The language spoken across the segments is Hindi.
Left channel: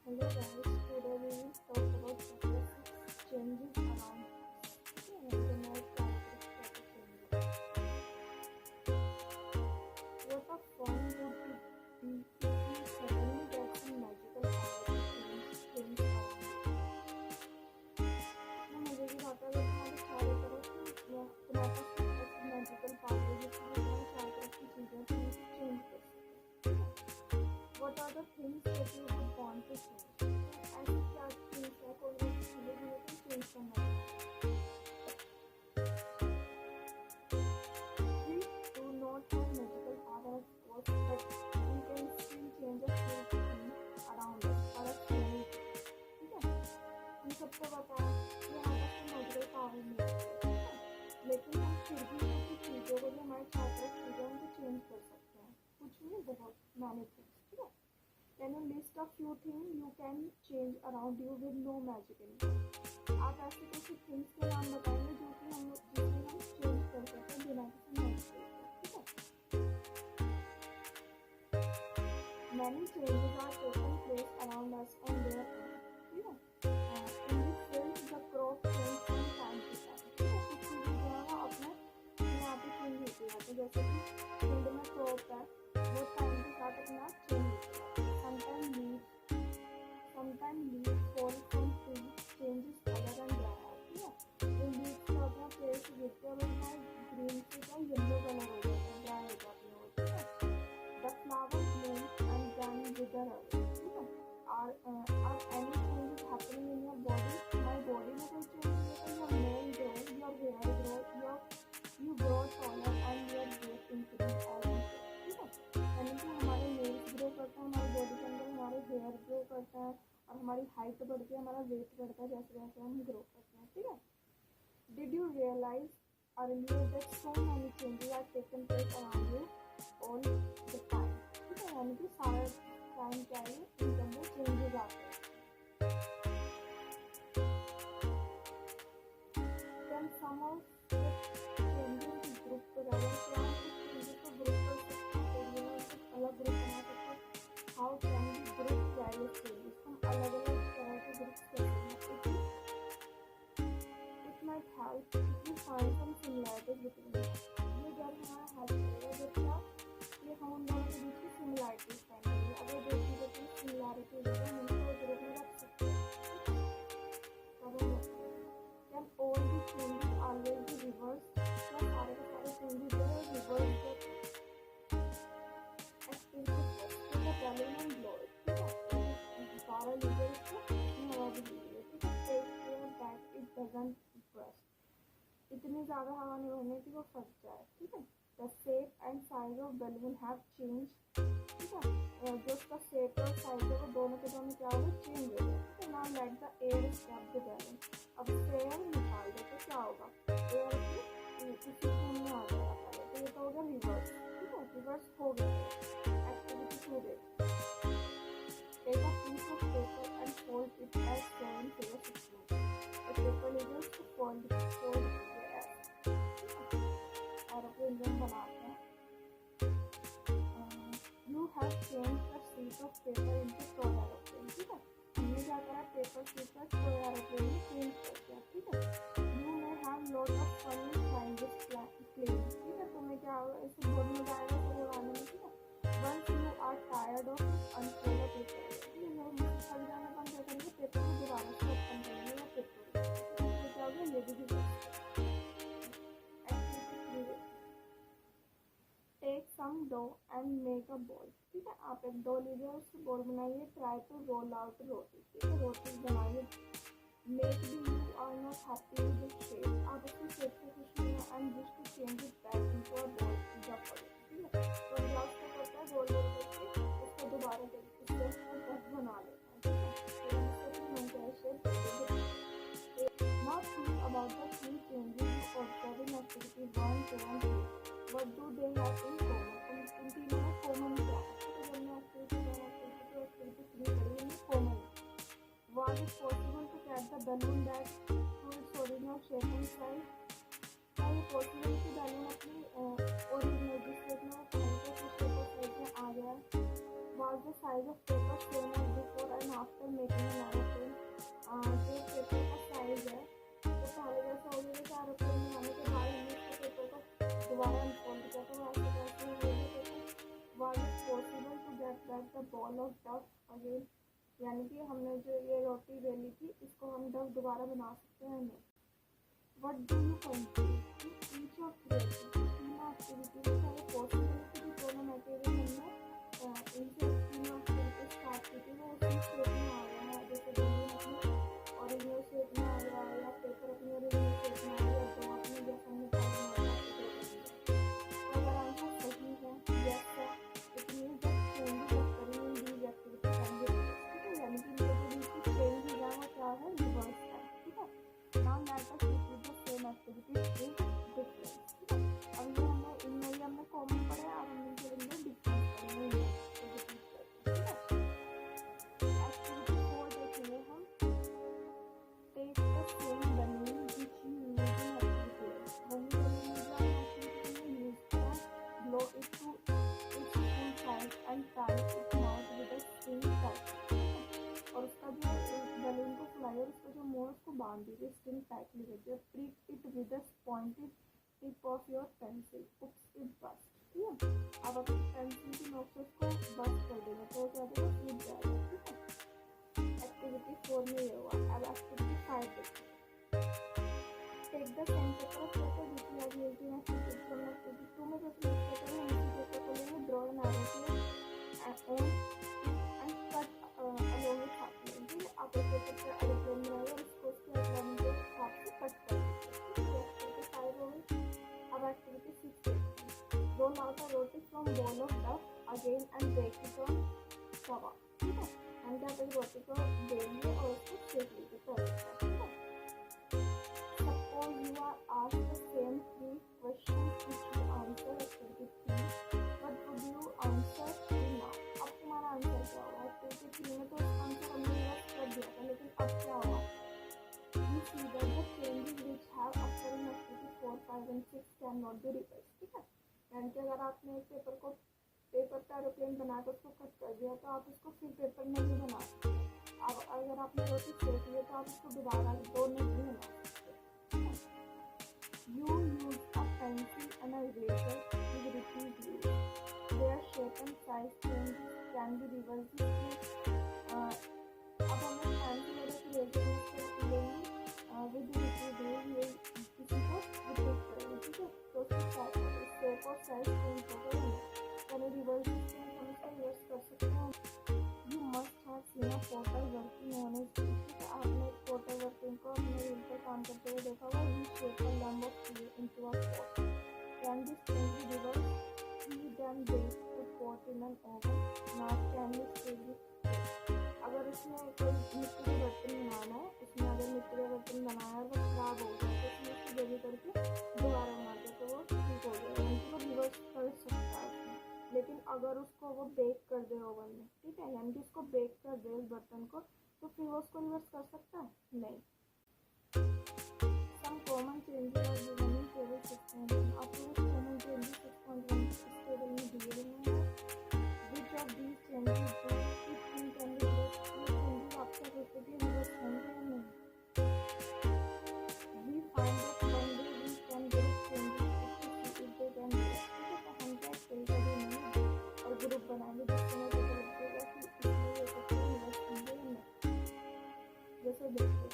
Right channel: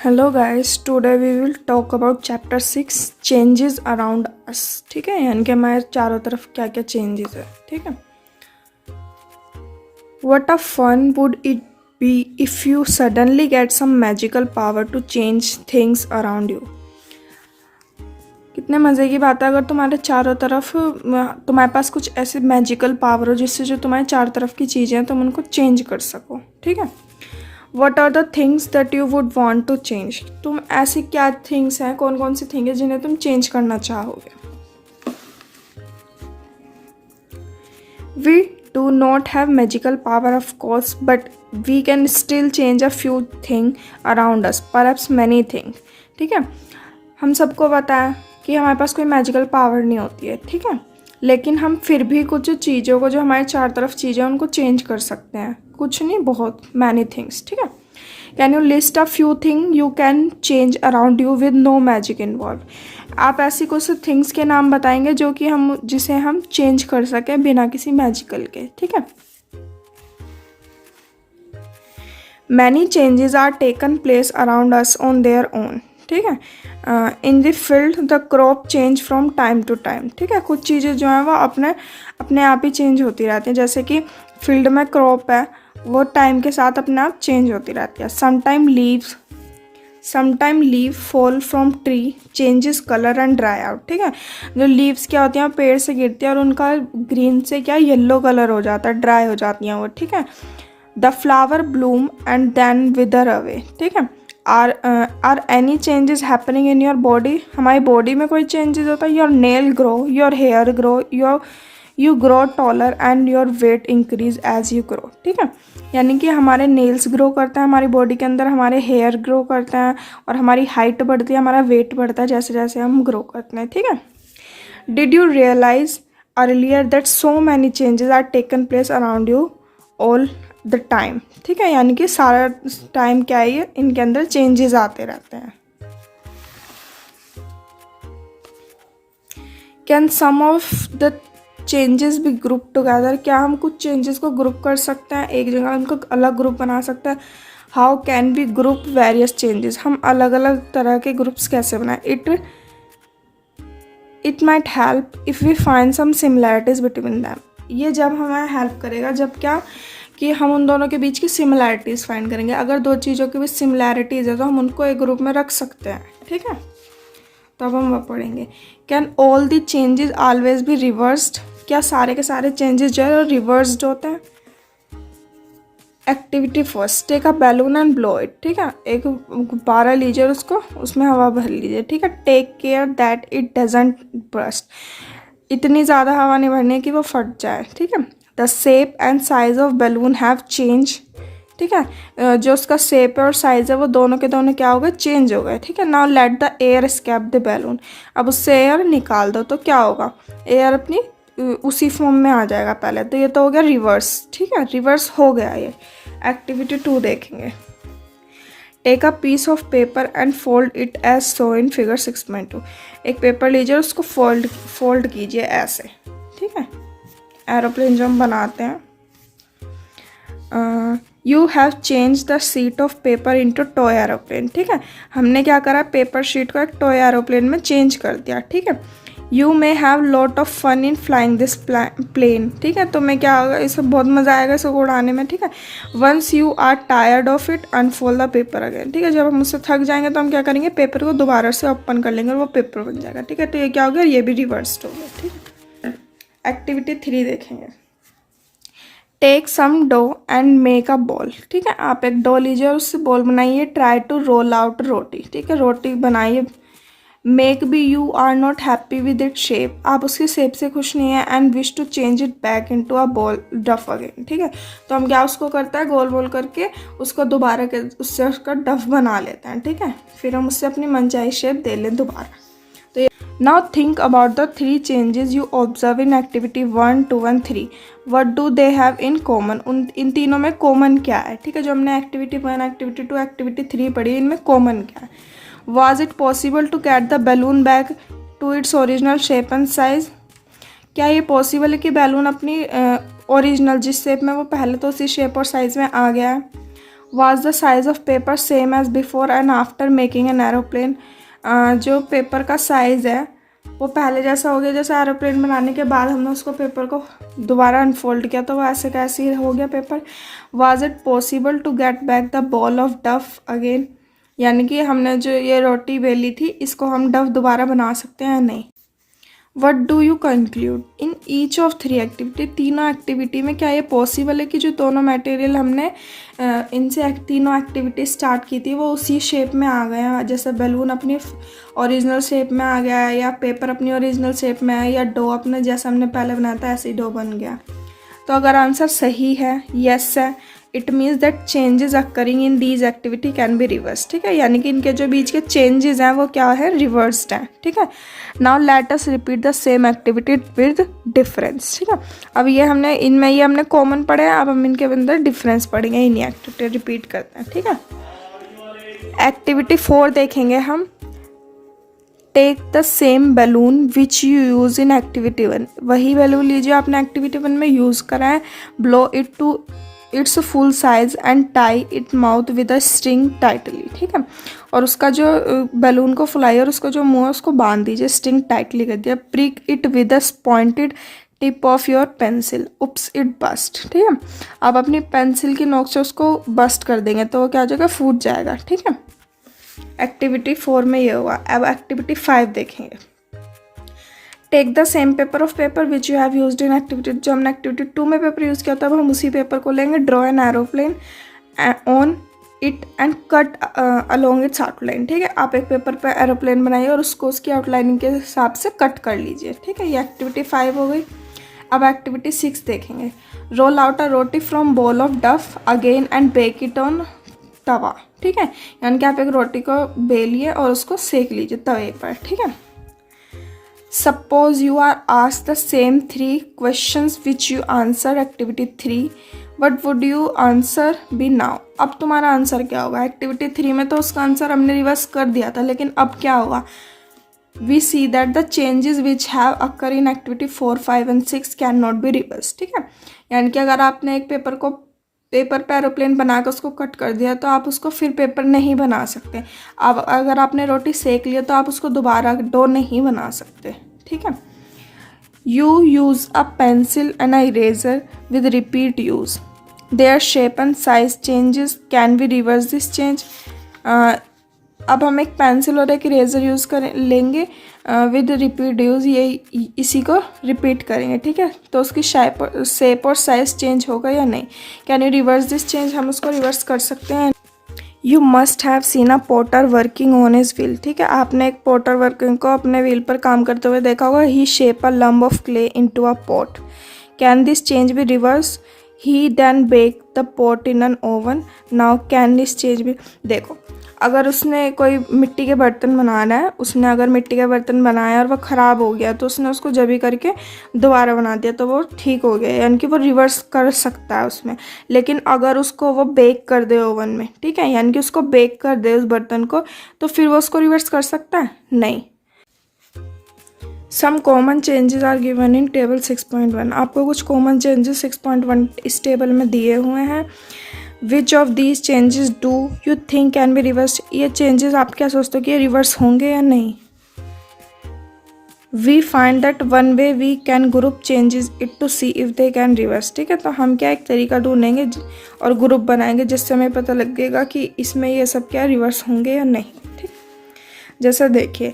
Hello guys, today we will talk about chapter 6 changes around us. ठीक है, यानी कि हमारे चारों तरफ क्या क्या चेंजेस है। ठीक है, what a fun would it be if you suddenly get some magical power to change things around you. कितने मज़े की बात है अगर तुम्हारे चारों तरफ तुम्हारे पास कुछ ऐसे मैजिकल पावर हो जिससे जो तुम्हारे चारों तरफ की चीज़ें हैं तुम उनको चेंज कर सको। ठीक है, what are the things that you would want to change. तुम ऐसी क्या थिंग्स हैं, कौन कौन सी थिंग है जिन्हें तुम चेंज करना चाहोगे। We do not have magical power of course, but we can still change a few thing around us, perhaps many thing. ठीक है, हम सबको पता है कि हमारे पास कोई मैजिकल पावर नहीं होती है। ठीक है, लेकिन हम फिर भी कुछ चीज़ों को, जो हमारे चार तरफ चीज़ें हैं, उनको चेंज कर सकते हैं। कुछ नहीं, बहुत मैनी थिंग्स। ठीक है, can you list a few thing you can change around you with no magic involve. आप ऐसी कुछ थिंग्स के नाम बताएंगे जो कि जिसे हम चेंज कर सकें बिना किसी मैजिकल के। ठीक है, many changes are taken place around us on their own. ठीक है, in the field the crop change from time to time. ठीक है, कुछ चीज़ें जो हैं वो अपने अपने आप ही चेंज होती रहती हैं। जैसे कि फील्ड में क्रॉप है, वो टाइम के साथ अपने आप चेंज होती रहती है। Sometime leave fall from tree changes colour and dry out. ठीक है, जो लीव्स क्या होती हैं पेड़ से गिरती है और उनका ग्रीन से क्या येलो कलर हो जाता है, ड्राई हो जाती हैं वो। ठीक है, the flower bloom and then wither away. ठीक है, are any changes happening in your body. हमारी बॉडी में कोई चेंजेस होता है। Your nail grow, your hair grow, you grow taller and your weight increase as you grow. ठीक है, यानी कि हमारे नेल्स ग्रो करते हैं हमारी बॉडी के अंदर, हमारे हेयर ग्रो करते हैं और हमारी हाइट बढ़ती है, हमारा वेट बढ़ता है जैसे जैसे हम ग्रो करते हैं। ठीक है, did you realise earlier that so many changes are taken place around you all the time. ठीक है, यानी कि सारा टाइम क्या है, इनके अंदर चेंजेस आते रहते हैं। Can some of the changes be group together. क्या हम कुछ चेंजेस को ग्रुप कर सकते हैं, एक जगह उनको अलग ग्रुप बना सकते हैं। How can be group various changes. हम अलग अलग तरह के ग्रुप्स कैसे बनाएं। It might help if we find some similarities between them. ये जब हमें हेल्प करेगा जब क्या कि हम उन दोनों के बीच की सिमिलैरिटीज़ फाइंड करेंगे। अगर दो चीज़ों के बीच सिमिलैरिटीज़ है तो हम उनको एक ग्रुप में रख सकते हैं। ठीक है, तो अब हम वह पढ़ेंगे। Can all the changes always be reversed. क्या सारे के सारे चेंजेस जो है रिवर्स्ड होते हैं। Activity first, take a balloon and blow it. ठीक है, एक गुब्बारा लीजिए और उसको उसमें हवा भर लीजिए। ठीक है, take care that it doesn't burst. इतनी ज़्यादा हवा नहीं भरनी है कि वो फट जाए। ठीक है, the shape and size of balloon have change. ठीक है, जो उसका शेप है और साइज़ है वो दोनों के दोनों क्या हो गए, चेंज हो गए। ठीक है, now let the air escape the balloon. अब उससे एयर निकाल दो तो क्या होगा, एयर अपनी उसी फॉर्म में आ जाएगा पहले। तो ये तो हो गया रिवर्स। ठीक है, रिवर्स हो गया ये। एक्टिविटी 2 देखेंगे। Take a piece of paper and fold it as so in figure 6.2। एक पेपर लीजिए और उसको फोल्ड कीजिए ऐसे। ठीक है, एरोप्लेन जो हम बनाते हैं। You have change the sheet of paper into toy aeroplane. ठीक है, हमने क्या करा, पेपर शीट को एक टॉय एरोप्लेन में चेंज कर दिया। ठीक है, you may have lot of fun in flying this plane. ठीक है, तो मैं क्या होगा, इसमें बहुत मज़ा आएगा इसको उड़ाने में। ठीक है, once you are tired of it unfold the paper again. ठीक है, जब हम उससे थक जाएंगे तो हम क्या करेंगे, पेपर को दोबारा से ओपन कर लेंगे और वो पेपर बन जाएगा। ठीक है, तो ये क्या हो गया, ये भी रिवर्स्ड हो गया। ठीक है, एक्टिविटी 3 देखेंगे। Take some dough and make a ball. ठीक है, आप एक डो लीजिए और उससे बॉल बनाइए। Try to roll out roti. ठीक है, रोटी बनाइए। Make be you are not happy with it shape. आप उसके शेप से खुश नहीं है। And wish to change it back into a ball dough again. ठीक है, तो हम क्या उसको करता है, गोल गोल करके उसको दोबारा के उससे उसका डफ बना लेते हैं। ठीक है, फिर हम उससे अपनी मनचाही शेप दे लें दोबारा। तो now think about the 3 changes you observe in activity 1, 2 and 3। What do they have in common. इन तीनों में कॉमन क्या है। ठीक है, जो हमने एक्टिविटी 1, एक्टिविटी 2, एक्टिविटी 3 पढ़ी, इनमें कॉमन क्या है। Was it possible to get the balloon back to its original shape and size. क्या ये पॉसिबल है कि बैलून अपनी ओरिजिनल जिस शेप में वो पहले तो उसी शेप और साइज़ में आ गया है। Was the size of paper same as before and after making an aeroplane? जो पेपर का साइज़ है वो पहले जैसा हो गया जैसे एरोप्लेन बनाने के बाद हमने उसको पेपर को दोबारा अनफोल्ड किया तो वो ऐसे कैसे ही हो गया paper. Was it possible to get back the ball of duff again? यानी कि हमने जो ये रोटी बेली थी इसको हम डफ दोबारा बना सकते हैं या नहीं. What do you conclude in each of 3 activity? तीनों एक्टिविटी में क्या ये पॉसिबल है कि जो दोनों मटेरियल हमने इनसे तीनों एक्टिविटी स्टार्ट की थी वो उसी शेप में आ गए हैं, जैसे बैलून अपनी ओरिजिनल शेप में आ गया है या पेपर अपनी ओरिजिनल शेप में है या डो अपने जैसा हमने पहले बनाया था ऐसे ही डो बन गया. तो अगर आंसर सही है, यस है, it means that changes occurring in these activity can be reverse. ठीक है, यानी कि इनके जो बीच के चेंजेस हैं वो क्या है, रिवर्स्ड हैं. ठीक है. Now let us repeat the same activity with difference. ठीक है, अब ये हमने इनमें ये हमने कॉमन पढ़े हैं, अब हम इनके अंदर डिफरेंस पढ़ेंगे. इन्हीं एक्टिविटी रिपीट करते हैं. ठीक है, एक्टिविटी 4 देखेंगे हम. Take the same balloon which you use in activity 1. वही बैलून लीजिए आपने एक्टिविटी 1 में यूज़ करा है. Blow it to its full size and tie it mouth with a string tightly. ठीक है, और उसका जो बैलून को फुलाइए और उसका जो मुँह है उसको बांध दीजिए, स्ट्रिंग टाइटली कर दिया. Prick it with a pointed tip of your pencil. Oops it burst. ठीक है, आप अपनी पेंसिल की नोक से उसको बस्ट कर देंगे तो वो क्या हो जाएगा, फूट जाएगा. ठीक है, एक्टिविटी 4 में ये हुआ. अब एक्टिविटी 5 देखेंगे. Take the same paper of paper which you have used in activity. जो हमने एक्टिविटी 2 में पेपर यूज़ किया था अब हम उसी पेपर को लेंगे. Draw an aeroplane on it and cut along it's outline. ठीक है, आप एक पेपर पर एरोप्लेन बनाइए और उसको उसकी आउटलाइनिंग के हिसाब से कट कर लीजिए. ठीक है, ये एक्टिविटी 5 हो गई. अब एक्टिविटी 6 देखेंगे. Roll out a roti from ball of dough again and bake it on tawa. ठीक है, यानी कि आप एक रोटी को बेलिए और उसको सेक लीजिए तवे पर. ठीक है. Suppose you are asked the same 3 questions which you answer activity 3. What would you answer be now? अब तुम्हारा आंसर क्या होगा? एक्टिविटी 3 में तो उसका आंसर हमने रिवर्स कर दिया था, लेकिन अब क्या होगा? We see that the changes which have occur in activity 4, 5 and 6 can not be reverse. ठीक है, यानी कि अगर आपने एक पेपर पे एरोप्लेन बनाकर उसको कट कर दिया तो आप उसको फिर पेपर नहीं बना सकते. अब अगर आपने रोटी सेक लिया तो आप उसको दोबारा डो नहीं बना सकते. ठीक है. You use a pencil and a eraser with repeat use. Their shape and size changes can be reverse this change. अब हम एक पेंसिल और एक इरेजर यूज़ लेंगे विद रिपीट यूज़, ये इसी को रिपीट करेंगे. ठीक है, तो उसकी शेप और साइज चेंज होगा या नहीं. Can you reverse this change? हम उसको रिवर्स कर सकते हैं. You must have seen a potter working on his wheel. ठीक है, आपने एक पोटर वर्किंग को अपने व्हील पर काम करते हुए देखा होगा. He shape a lump of clay into a pot. Can this change be reverse? He then bake the pot in an oven. Now can this change be? देखो, अगर उसने कोई मिट्टी के बर्तन बनाना है, उसने अगर मिट्टी के बर्तन बनाया और वह ख़राब हो गया तो उसने उसको जभी करके दोबारा बना दिया तो वो ठीक हो गया, यानी कि वो रिवर्स कर सकता है उसमें. लेकिन अगर उसको वो बेक कर दे ओवन में, ठीक है, यानी कि उसको बेक कर दे उस बर्तन को, तो फिर वो उसको रिवर्स कर सकता है? नहीं. Some common changes are given in table 6.1. आपको कुछ कॉमन चेंजेस 6.1 इस टेबल में दिए हुए हैं. Which of these changes do you think can be reverse? ये चेंजेस आप क्या सोचते हो कि ये रिवर्स होंगे या नहीं? We find that one way we can group changes it to see if they can reverse. ठीक है, तो हम क्या एक तरीका ढूंढेंगे और ग्रुप बनाएंगे जिससे हमें पता लगेगा कि इसमें ये सब क्या रिवर्स होंगे या नहीं. ठीक, जैसे देखिए,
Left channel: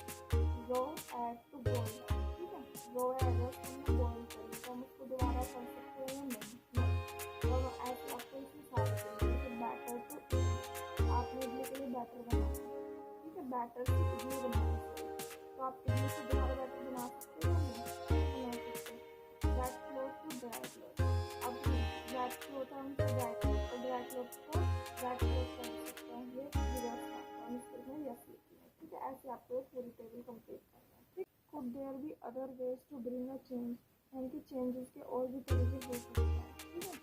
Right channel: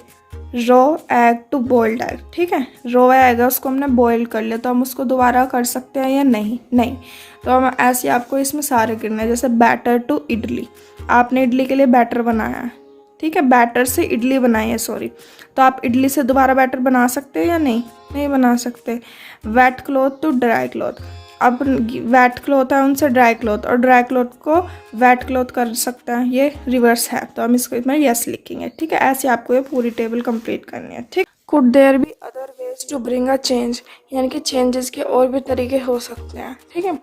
raw egg to boiled egg. ठीक है, रॉ एग है उसको हमने बॉयल कर लिया तो हम उसको दोबारा कर सकते हैं या नहीं? नहीं. तो हम ऐसे आपको इसमें सारे करना है. जैसे बैटर टू इडली, आपने इडली के लिए बैटर बनाया है. ठीक है, बैटर से इडली बनाई है, सॉरी, तो आप इडली से दोबारा बैटर बना सकते हैं या नहीं? नहीं बना सकते. Wet cloth to dry cloth, अब वेट क्लॉथ है उनसे ड्राई क्लॉथ और ड्राई क्लॉथ को वेट क्लॉथ कर सकता है, ये रिवर्स है, तो हम इसको इसमें यस लिखेंगे. ठीक है, ऐसे आपको ये पूरी टेबल कंप्लीट करनी है. ठीक, could there be other ways to bring a change, यानी कि चेंजेस के और भी तरीके हो सकते हैं. ठीक है.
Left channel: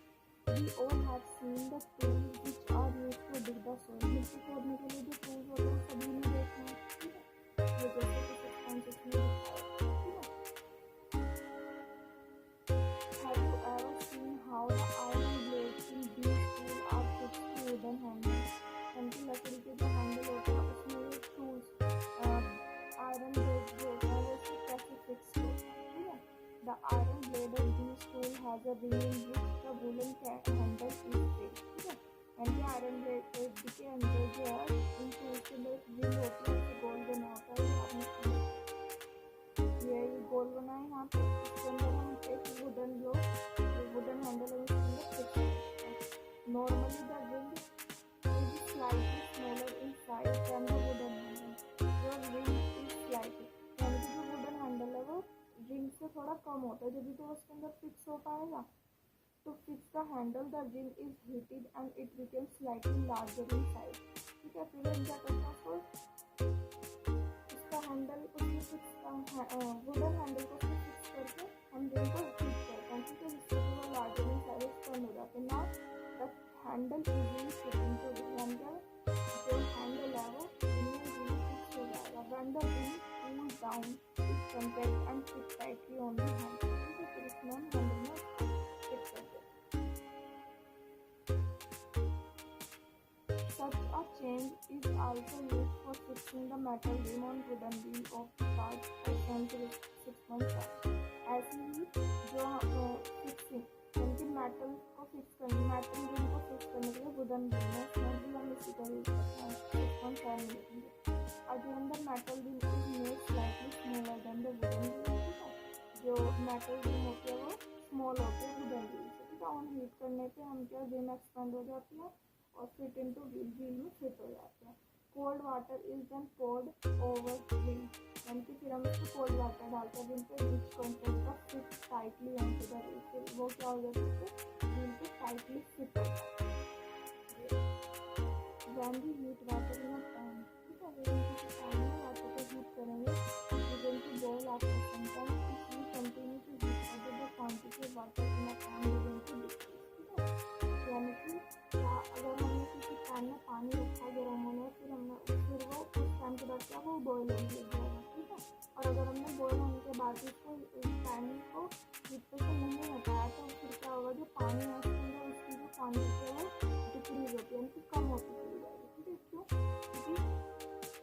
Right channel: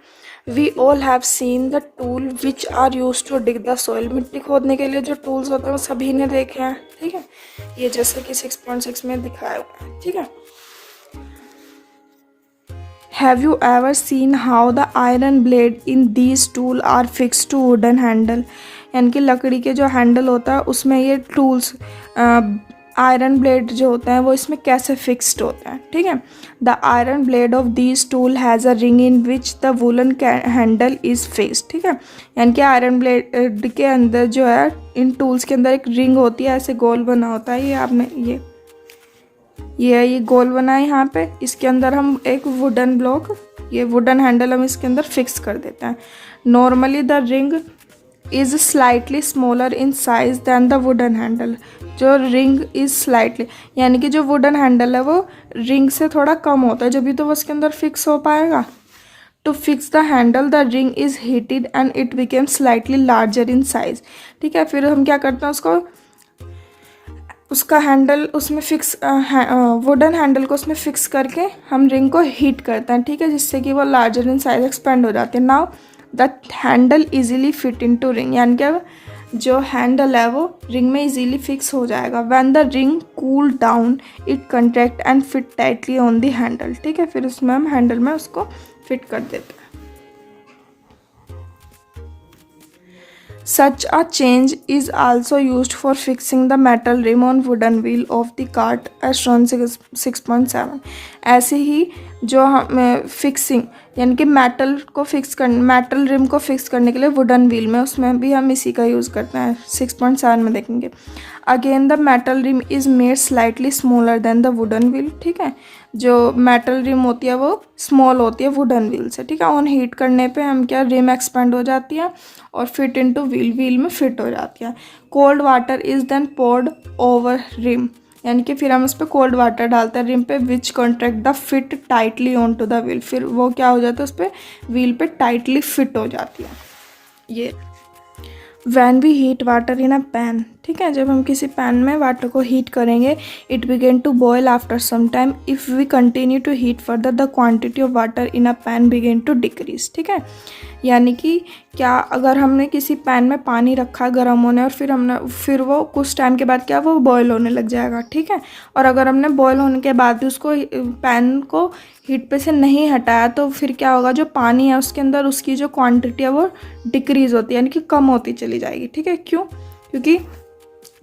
We all have seen the tool which are use to dig the soil. मिट्टी खोदने के लिए जो टूल्स होते हैं वो सभी ने देखे हैं. ठीक है, ये जैसे कि 6.6 में दिखाया हुआ है. ठीक है, have you ever seen how the iron blade in these tool are fix to wooden handle, यानी कि लकड़ी के जो हैंडल होता है उसमें ये टूल्स आयरन ब्लेड जो होते हैं वो इसमें कैसे फिक्स्ड होते हैं, ठीक है। The iron blade of these tool has a ring in which the woollen handle is fixed, ठीक है। यानी कि आयरन ब्लेड के अंदर जो है इन टूल्स के अंदर एक रिंग होती है, ऐसे गोल बना होता है, ये आपने ये गोल बना है यहाँ पे, इसके अंदर हम एक वुडन ब्लॉक, ये वुडन हैंडल हम इसके अंदर फिक्स कर देते हैं। Normally the ring is slightly smaller in size than the wooden handle, जो रिंग इज़ स्लाइटली, यानी कि जो वुडन हैंडल है वो रिंग से थोड़ा कम होता है, जब भी तो वो उसके अंदर फिक्स हो पाएगा। To fix the handle the ring is heated and it became slightly larger in size, ठीक है। फिर हम क्या करते हैं, उसका हैंडल उसमें फिक्स वुडन हैंडल को उसमें फिक्स करके हम रिंग को हीट करते हैं, ठीक है, जिससे कि वो लार्जर इन साइज एक्सपेंड हो जाती है। Now the handle easily fit into ring, यानी कि जो हैंडल है वो रिंग में इजीली फिक्स हो जाएगा। When the ring cool down it contract and fit tightly on the handle, ठीक है। फिर उसमें हम हैंडल में उसको फिट कर देते हैं। Such a change is also used for fixing the metal rim on wooden wheel of the cart as shown 6.7। ऐसे ही जो हम फिक्सिंग यानी कि मेटल रिम को फिक्स करने के लिए वुडन व्हील में, उसमें भी हम इसी का यूज़ करते हैं। 6.7 में देखेंगे। Again the metal rim is made slightly smaller than the wooden wheel, ठीक है। जो मेटल रिम होती है वो स्मॉल होती है वुडन व्हील से, ठीक है। ऑन हीट करने पे हम क्या, रिम एक्सपेंड हो जाती है और फिट इनटू व्हील में फिट हो जाती है। Cold water is then poured over rim, यानी कि फिर हम उस पर कोल्ड वाटर डालते हैं रिम पे, which contract the fit tightly on to the wheel, फिर वो क्या हो जाता है, उस पर व्हील पे टाइटली फिट हो जाती है। ये when we heat water in a pan, ठीक है, जब हम किसी पैन में वाटर को हीट करेंगे, it begin to boil after some time, if we continue to heat further the quantity of water in a pan begin to decrease, ठीक है। यानी कि क्या, अगर हमने किसी पैन में पानी रखा गर्म होने और फिर वो कुछ टाइम के बाद क्या, वो बॉयल होने लग जाएगा, ठीक है। और अगर हमने बॉयल होने के बाद भी उसको पैन को हीट पे से नहीं हटाया तो फिर क्या होगा, जो पानी है उसके अंदर उसकी जो क्वांटिटी है वो डिक्रीज़ होती है, यानी कि कम होती चली जाएगी, ठीक है। क्यों? क्योंकि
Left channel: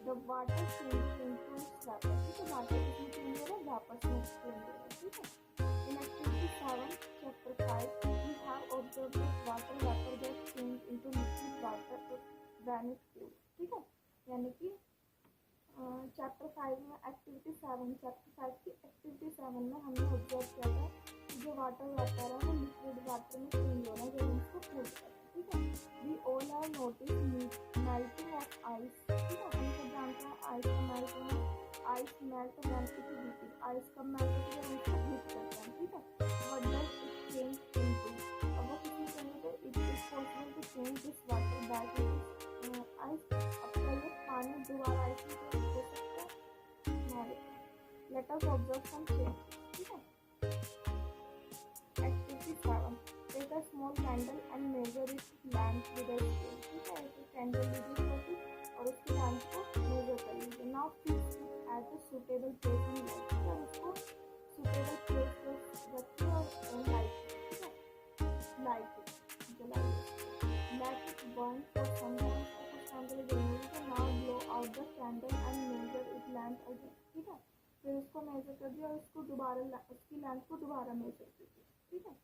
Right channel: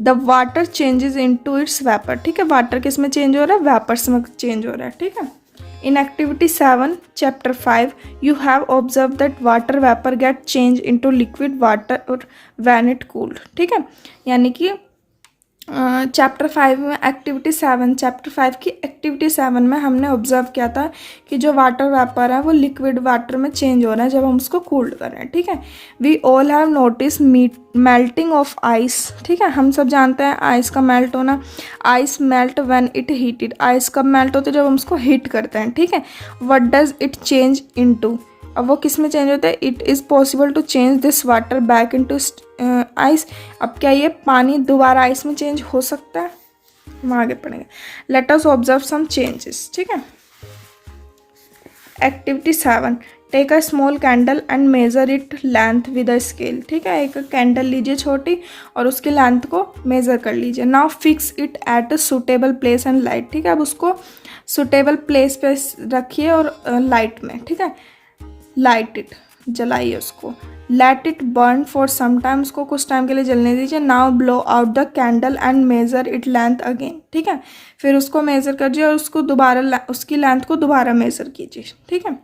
the water changes into its vapour, ठीक है। वाटर किस में चेंज हो रहा है, वेपर्स में चेंज हो रहा है, ठीक है। In activity 7 chapter 5 you have observe that water vapour get change into liquid water और व्हेन इट कूल्ड, ठीक है। यानी कि चैप्टर 5 में चैप्टर 5 की एक्टिविटी 7 में हमने ऑब्जर्व किया था कि जो वाटर वेपर है वो लिक्विड वाटर में चेंज हो रहा है जब हम उसको कूल्ड कर रहे हैं, ठीक है। We all have notice melting of ice, ठीक है। हम सब जानते हैं आइस का मेल्ट होना। Ice melt when it heated, ice कब मेल्ट होती है, जब हम उसको हीट करते हैं, ठीक है। What does it change into, अब वो किस में चेंज होता है, it is possible to change this water back into ice. अब क्या ये पानी दोबारा आइस में चेंज हो सकता है, हम आगे पढ़ेंगे। Let us observe some changes, ठीक है। Activity 7 take a small candle and measure it length with a scale, ठीक है। एक कैंडल लीजिए छोटी और उसकी लेंथ को मेज़र कर लीजिए। Now fix it at a suitable place and light, ठीक है। अब उसको सुटेबल प्लेस पे रखिए और लाइट में, ठीक है। लाइट इट, जलाइए उसको। Let it burn for some time, उसको कुछ टाइम के लिए जलने दीजिए। Now blow out the candle and measure it length again, ठीक है। फिर उसको मेज़र कीजिए और उसको दोबारा उसकी लेंथ को दोबारा मेज़र कीजिए, ठीक है।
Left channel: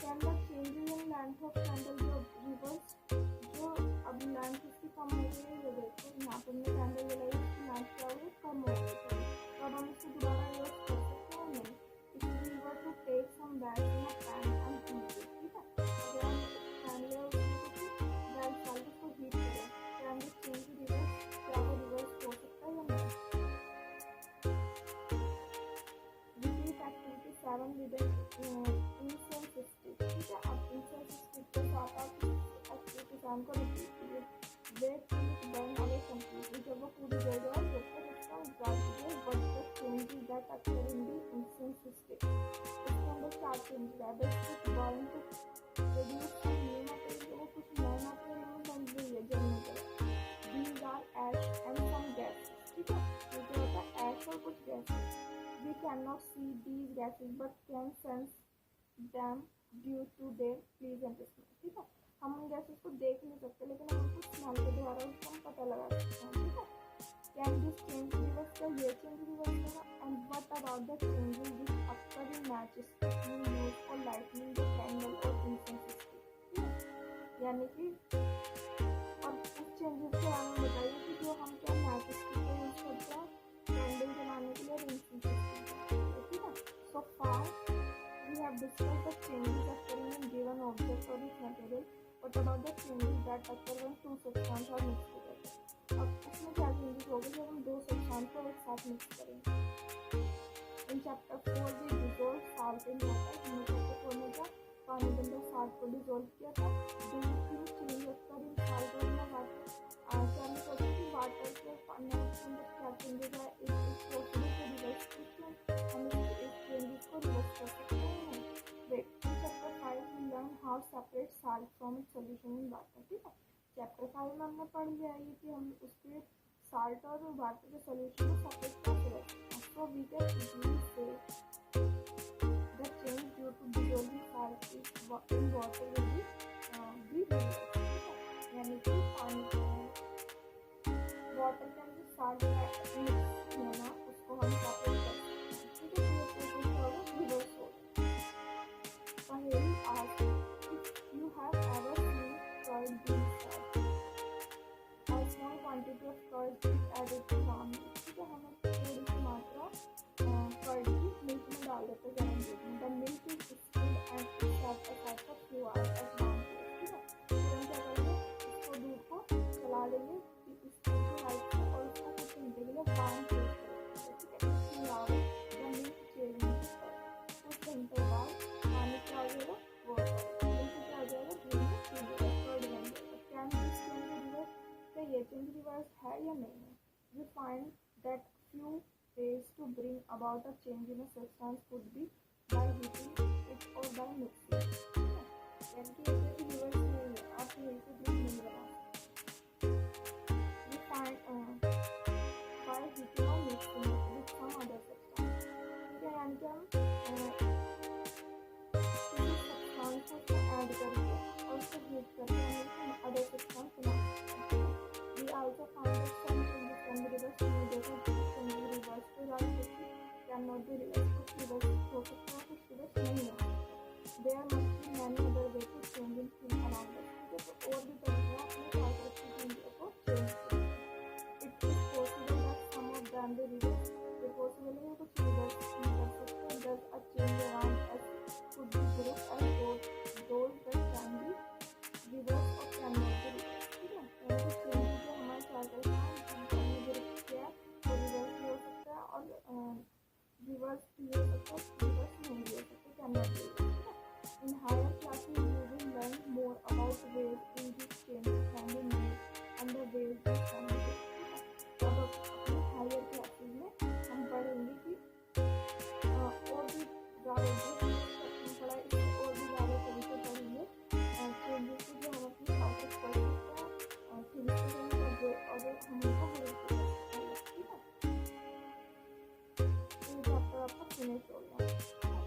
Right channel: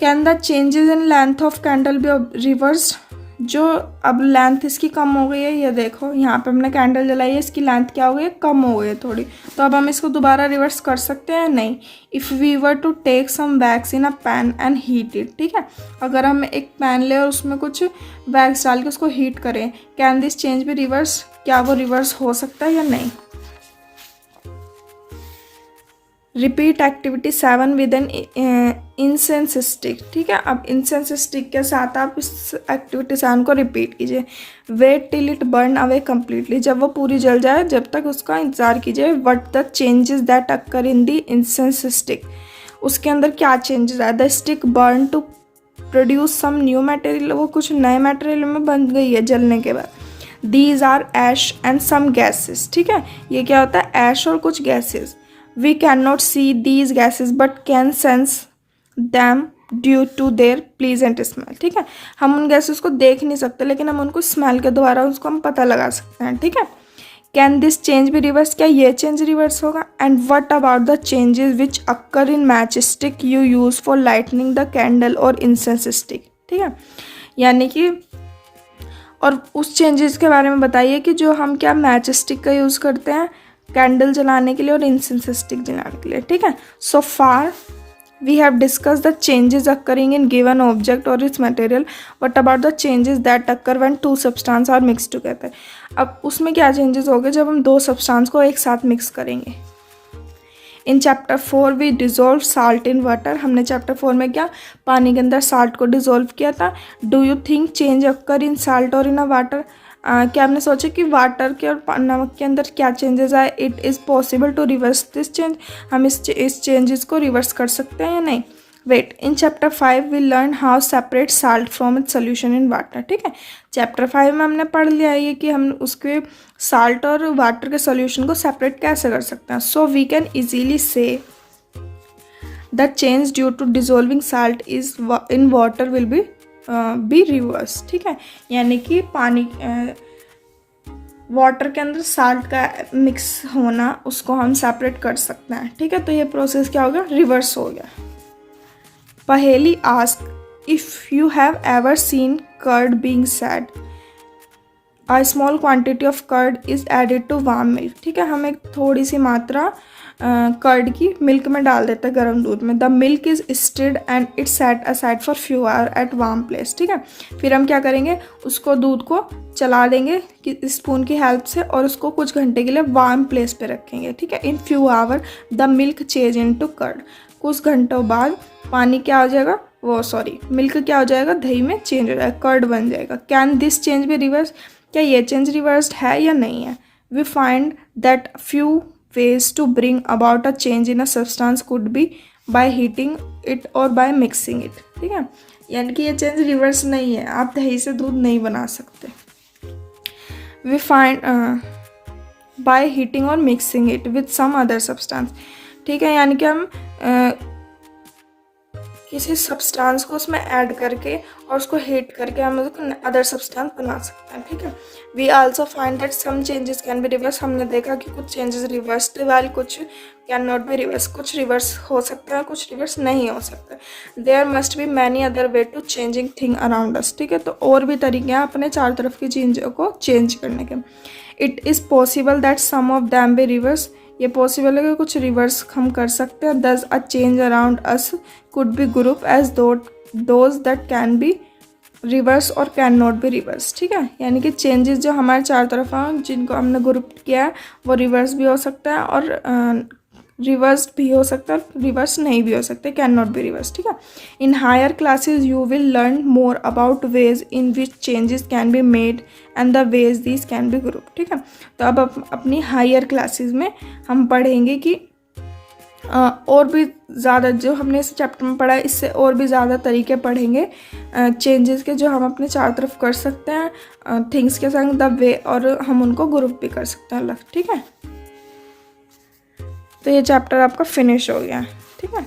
Can the changes in length of candle be reversed, जो अब लेंथ इसकी कम हो गई है, ये देखो यहाँ पे हमने कैंडल जलाई है, इसकी लेंथ क्या हो गई है, कम हो गई है थोड़ी, तो अब हम इसको दोबारा रिवर्स कर सकते हैं, नहीं। If we were to take some wax in a pan and heat it, ठीक है। अगर हम एक पैन ले और उसमें कुछ वैक्स डाल के उसको हीट करें, can this change be reverse, क्या वो रिवर्स हो सकता है या नहीं। Repeat activity 7 with an incense stick, ठीक है। अब इंसेंस स्टिक के साथ आप इस एक्टिविटी 7 को रिपीट कीजिए। Wait till it burn away completely, जब वो पूरी जल जाए जब तक उसका इंतज़ार कीजिए। What the changes that occur in the incense stick, उसके अंदर क्या चेंजेस आए। The stick burn to produce some new material, वो कुछ नए मटेरियल में बन गई है जलने के बाद। These are ash and some gases, ठीक है। ये क्या होता है, ऐश और कुछ gases. We can not see these gases but can sense them due to their pleasant smell. ठीक है, हम उन गैसेस को देख नहीं सकते लेकिन हम उनको स्मेल के द्वारा उसको हम पता लगा सकते हैं। ठीक है, can this change be reverse, क्या ये चेंज रिवर्स होगा? And what about the changes which occur in match stick you use for lightning the candle और इंसेंस स्टिक। ठीक है, यानी कि और उस चेंजेस के बारे में बताइए कि जो हम क्या मैच स्टिक का यूज़ करते हैं कैंडल जलाने के लिए और इंसेंस स्टिक जलाने के लिए। ठीक है, सो फार we have discussed the changes occurring in given object or its material. What about the changes that occur when two substances are mixed together? अब उसमें क्या changes होंगे जब हम दो substance को एक साथ mix करेंगे? In chapter 4 we dissolve salt in water. हमने chapter 4 में क्या पानी के अंदर salt को dissolve किया था. Do you think change occur in salt or in a water? क्या आपने सोचा कि वाटर के और नमक के अंदर क्या चेंजेस आए? It is possible to reverse this change, हम इस चेंजेस को रिवर्स कर सकते हैं या नहीं? Wait, in chapter 5 we learn how separate salt from its solution in water. ठीक है, चैप्टर 5 में हमने पढ़ लिया है कि हम उसके साल्ट और वाटर के सोल्यूशन को सेपरेट कैसे कर सकते हैं। So we can easily say the change due to dissolving salt is in water will be reverse. ठीक है, यानी कि पानी वाटर के अंदर साल्ट का मिक्स होना उसको हम सेपरेट कर सकते हैं। ठीक है, तो ये प्रोसेस क्या हो गया? रिवर्स हो गया। Paheli ask if you have ever seen curd being set, a small quantity of curd is added to warm milk. ठीक है, हम एक थोड़ी सी मात्रा कर्ड की मिल्क में डाल देते हैं गर्म दूध में। The milk is stirred and it's set aside for few hour at warm place. ठीक है, फिर हम क्या करेंगे, उसको दूध को चला देंगे कि स्पून की हेल्प से और उसको कुछ घंटे के लिए वार्म प्लेस पे रखेंगे। ठीक है, in few hour the milk change into curd, कुछ घंटों बाद पानी क्या हो जाएगा, मिल्क क्या हो जाएगा, दही में चेंज हो जाएगा, कर्ड बन जाएगा। Can this change be reverse, क्या ये चेंज रिवर्स्ड है या नहीं है? We find that few ways to bring about a change in a substance could be by heating it or by mixing it. ठीक है, यानी कि ये चेंज रिवर्स नहीं है, आप दही से दूध नहीं बना सकते। We find by heating or mixing it with some other substance. ठीक है, यानी कि हम किसी सब्सटेंस को उसमें ऐड करके और उसको हीट करके हम उसको अदर सब्सटेंस बना सकते हैं। ठीक है, we also find that some changes can be reverse, हमने देखा कि कुछ चेंजेस रिवर्स्ड वाल कुछ कैन नॉट बी रिवर्स, कुछ रिवर्स हो सकता है कुछ रिवर्स नहीं हो सकता। There must be many other way to changing thing around us. ठीक है, तो और भी तरीके हैं अपने चार तरफ की चीज़ों को चेंज करने के। It is possible that some of them be reverse, ये पॉसिबल है कि कुछ रिवर्स हम कर सकते हैं। Thus a change around us could be group as those that can be reverse और कैन नॉट बी रिवर्स। ठीक है, यानी कि चेंजेस जो हमारे चार तरफ हैं जिनको हमने ग्रुप किया है वो रिवर्स भी हो सकता है और रिवर्स भी हो सकता है, रिवर्स नहीं भी हो सकते, कैन नॉट बी रिवर्स। ठीक है, in higher classes you will learn more about ways in which changes can be made and the ways this can be group. ठीक है, तो अब अपनी हायर क्लासेस में हम पढ़ेंगे कि और भी ज़्यादा जो हमने इस चैप्टर में पढ़ा है इससे और भी ज़्यादा तरीके पढ़ेंगे चेंजेस के जो हम अपने चारों तरफ कर सकते हैं थिंग्स के संग द वे, और हम उनको ग्रुप भी कर सकते हैं अलग। ठीक है, तो ये चैप्टर आपका फिनिश हो गया। ठीक है।